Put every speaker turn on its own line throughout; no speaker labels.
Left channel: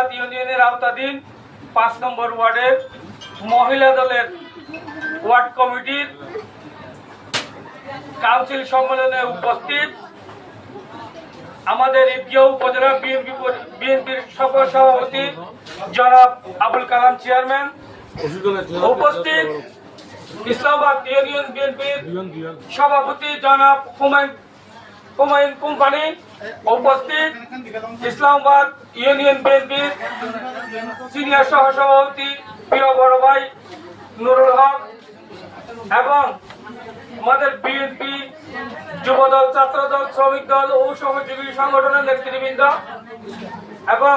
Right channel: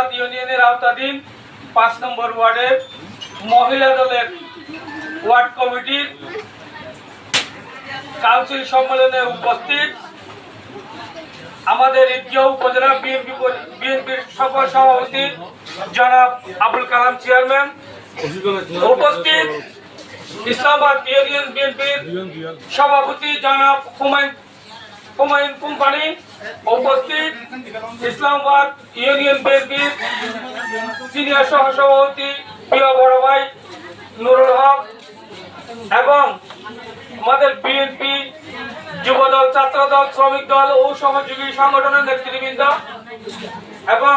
ইসলামাবাদ ইউনিয়নের আওতাধীন পাঁচ নম্বর ওয়ার্ডের মহিলা দলের ওয়ার্ড কমিটির কাউন্সিল সম্মেলনে উপস্থিত আমাদের ঈদগাঁও উপজেলা বিএনপি বিএনপির সকল সভাপতি জনাব আবুল কালাম চেয়ারম্যান। উপস্থিত ইসলামাবাদ ইউনিয়ন বিএনপির সভাপতি জনাব হুমায়ুন হুমায়ুন কোম্পানি। উপস্থিত ইসলামাবাদ ইউনিয়ন বিএনপির সিনিয়র সহসভাপতি প্রিয় বড় ভাই নুরুল হক এবং আমাদের বিএনপি যুবদল ছাত্রদল শ্রমিক দল ও সহযোগী সংগঠনের নেতৃবৃন্দ এবং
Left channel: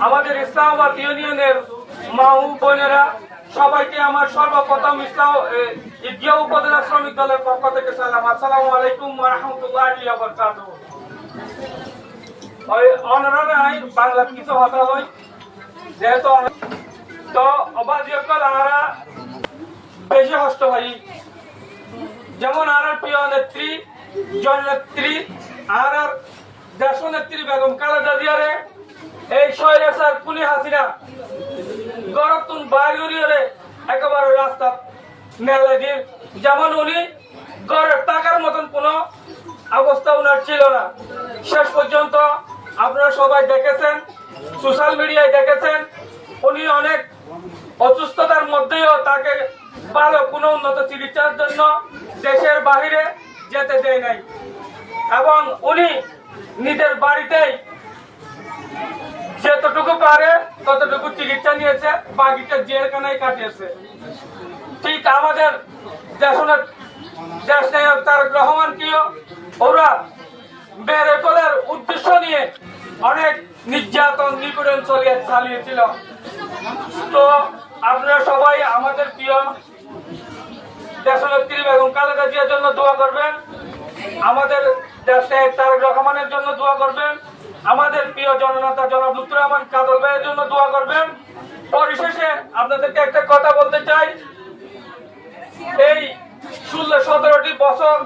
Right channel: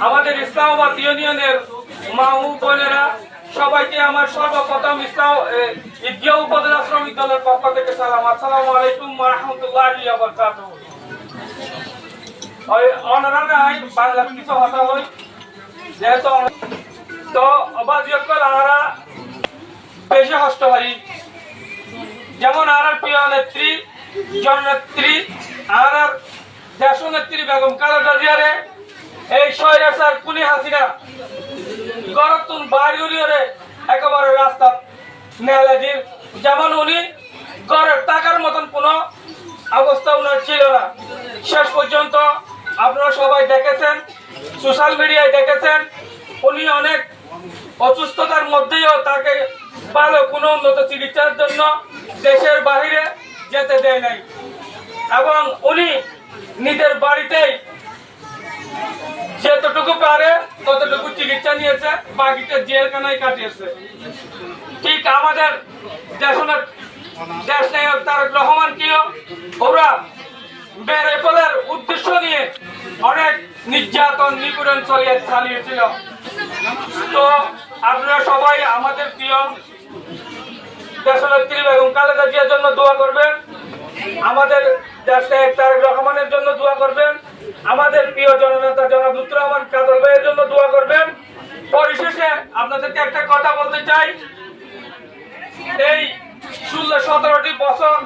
আমাদের ইসলামাবাদ ইউনিয়নের মা ও বোনেরা সবাইকে আমার সর্বপ্রথম ইসলাম এ, ঈদগাঁও উপজেলা শ্রমিক দলের পক্ষ থেকে সালাম। আসসালামু আলাইকুম রহমতুল্লাহ কিছু হই যেহেতু তো যেমন আর প্রিয় নেত্রী জননেত্রী আর আর দেশ নেত্রী বেগম খালেদা জিয়ারে, এই শহরে কুনি হাসিনা, গরতুন বাড়িউরিয়রে একেবারে রাস্তা নেলে দিন যেমন উনি ঘরের টাকার মতন কোনো অবস্থা উনার ছিল না। শেষ পর্যন্ত আপনারা সবাই দেখেছেন সোশ্যাল মিডিয়ায় দেখেছেন, উনি অনেক অসুস্থতার মধ্যেও তাকে ভালো কোনো উন্নত চিকিৎসার জন্য দেশের বাহিরে যেতে দেয় নাই। এবং উনি নিজের বাড়িতেই যতটুকু পারে ততটুকু চিকিৎসা নিয়েছে, বাকিটা জেলখানায় কাটিয়েছে। ঠিক আমাদের দেশনের দেশ নায়ক তারেক রহমানকেও ওরা বেড়ে ফেলার উদ্দেশ্য নিয়ে অনেক নির্যাতন, নিপীড়ন চলিয়ে চালিয়েছিল। তো আপনারা সবাই আমাদের প্রিয় দেশনেত্রী এবং খালেদা জিয়ার জন্য দোয়া করবেন। আমাদের দেশে তারেক রহমানের জন্য দোয়া করবেন। আমাদের প্রিয় জননেতা জনাব রহমান কাদর ভাইয়ের জন্য দোয়া করবেন। পরিশেষে আপনাদেরকে একটা কথা বলতে চাই। এই ষোলো সতেরোটি বছর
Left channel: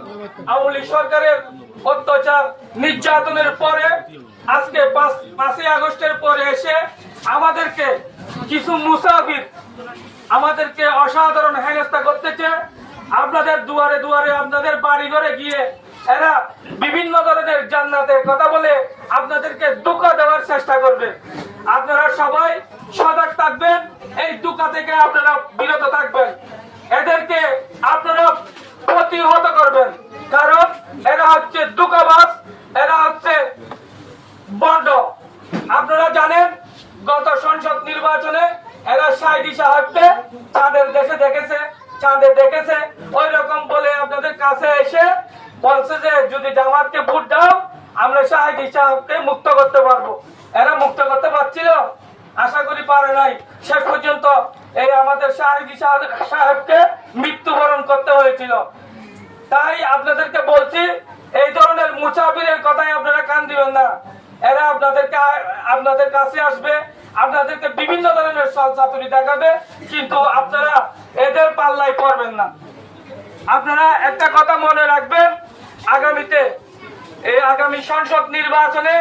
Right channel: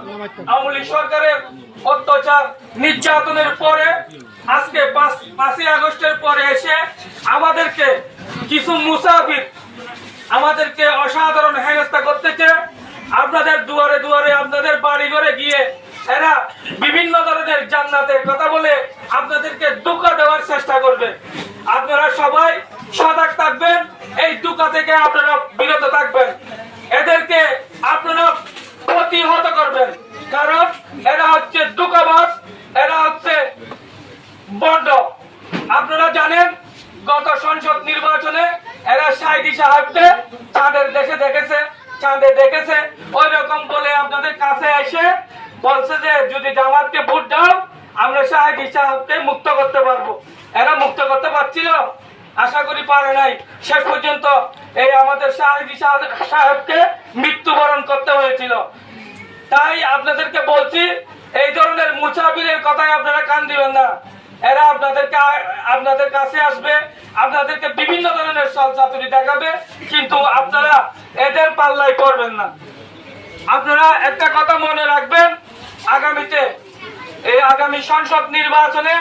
আওয়ামী লীগ সরকারের অত্যাচার নির্যাতনের পরে, আজকে পাঁচই আগস্টের পরে এসে আমাদেরকে কিছু মুসাফির আমাদেরকে অসাধারণ হেনস্থা করতেছে। আপনাদের দুয়ারে দুয়ারে আপনাদের বাড়ি ঘরে গিয়ে এরা বিভিন্ন ধরনের জান্নাতের কথা বলে আপনাদেরকে দুঃখ দেওয়ার চেষ্টা করবে। আপনারা সবাই সজাগ থাকবেন, এই দুঃখ থেকে আপনারা বিরত থাকবেন। এদেরকে আপনারা প্রতিহত করবেন, কারণ এরা হচ্ছে দুঃখবাস এরা হচ্ছে বন্ড আপনারা জানেন গত সংসদ নির্বাচনে এরা সাইদি সাহেবকে চাঁদের দেশে দেখেছে, চাঁদে দেখেছে। ওই রকম বলে আপনাদের কাছে এসে বলছে যে, যদি জামাতকে ভোট দাও, আমরা সাহেবকে মুক্ত করতে পারব। এরা মুক্ত করতে পারছিল? আশা করি পারে নাই। শেষ পর্যন্ত এই আমাদের সাহেদি সাহেবকে মৃত্যুবরণ করতে হয়েছিল। তাই আপনাদেরকে বলছি, এই ধরনের মুসাফিরের কথায় আপনারা কান দিবেন না। এরা আপনাদেরকে আপনাদের কাছে আসবে আপনাদেরকে বিভিন্ন ধরনের চাতুরি দেখাবে, কিন্তু আপনারা এদের পাল্লায় করবেন না। আপনারা একটা কথা মনে রাখবেন, আগামীতে, এই আগামী সংসদ নির্বাচনে